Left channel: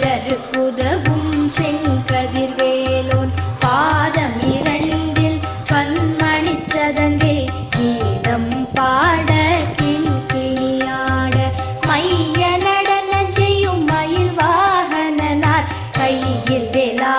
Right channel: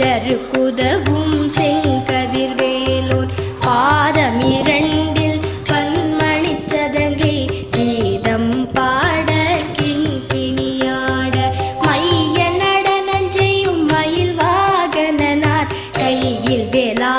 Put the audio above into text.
சிற்றருக்குதவும் செங்கதிர்வேலோன் பாதம் இரண்டில் பன்மணிச் சதங்கை கீதம் பாட கிண்கிணியாட மைய நடனம் செய்யும் மயில் வாகனனார் கையில் வேலா